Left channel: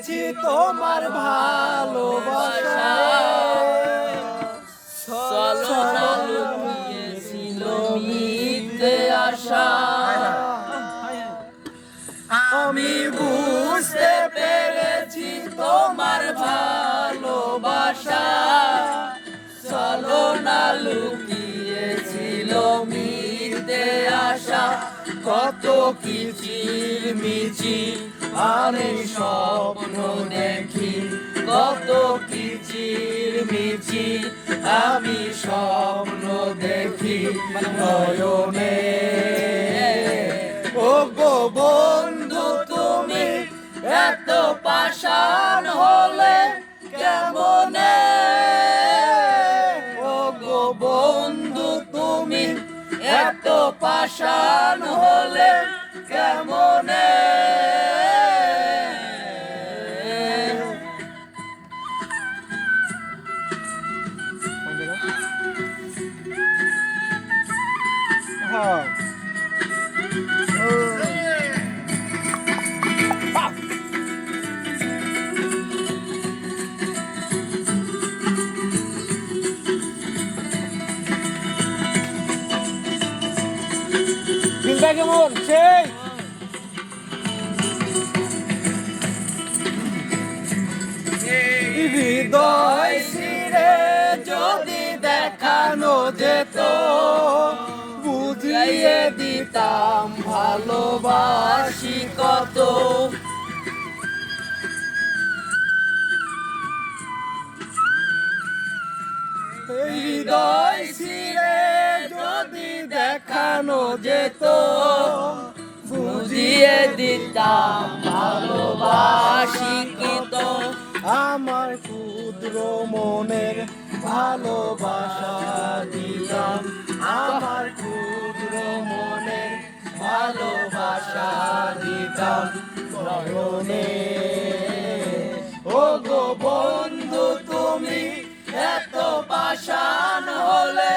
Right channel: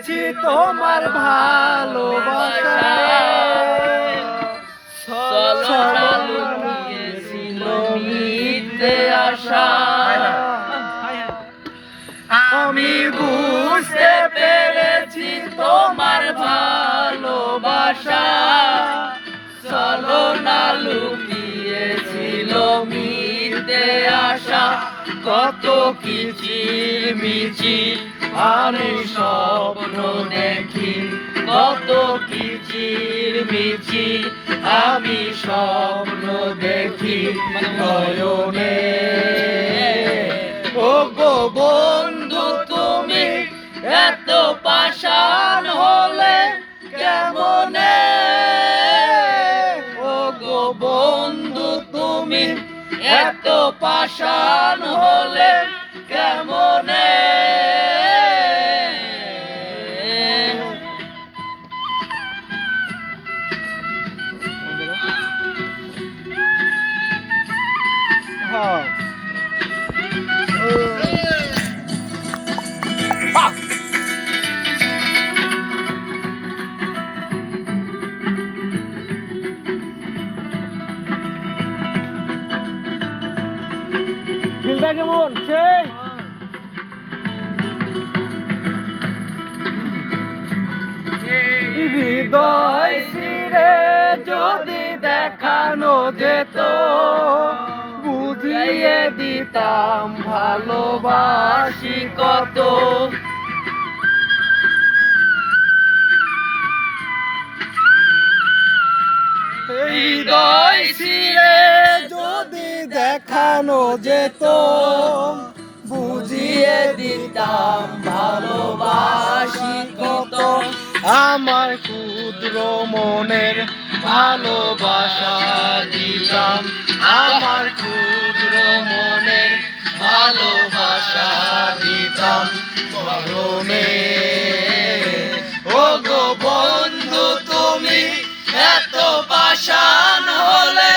পেরেছি তোমার ভালোবাসা লুকিয়েছিল মিথ্যে আশা আমি বুঝতে পেরেছি তোমার ভালোবাসা চলো না লুকিয়েছিল মিথ্যে আশা কত কিচির মিচির আমি স্বপ্ন দেখি কত কিচির মিচির আমি স্বপ্ন দেখি নয়নে ও গো বন্ধু তুমি এত পাষাণ হলে কেমনে ও গো বন্ধু তুমি এত পাষাণ হলে কেমনে হ্যাঁ দিলটা কেমন সেই হৃদয় সিরে যদি দেখানো যেত বুঝিয়ে দিতাম ভালোবাসি কত হৃদয় সিরে যদি দেখানো যেত বুঝিয়ে দিতাম ভালোবাসি কত আমার ক্ষুদ্র মনের ভালোবাসা দিতাম আমার ক্ষুদ্র মনের ভালোবাসা দিতাম মরণে ও গো বন্ধু তুমি এত পাষাণ হলে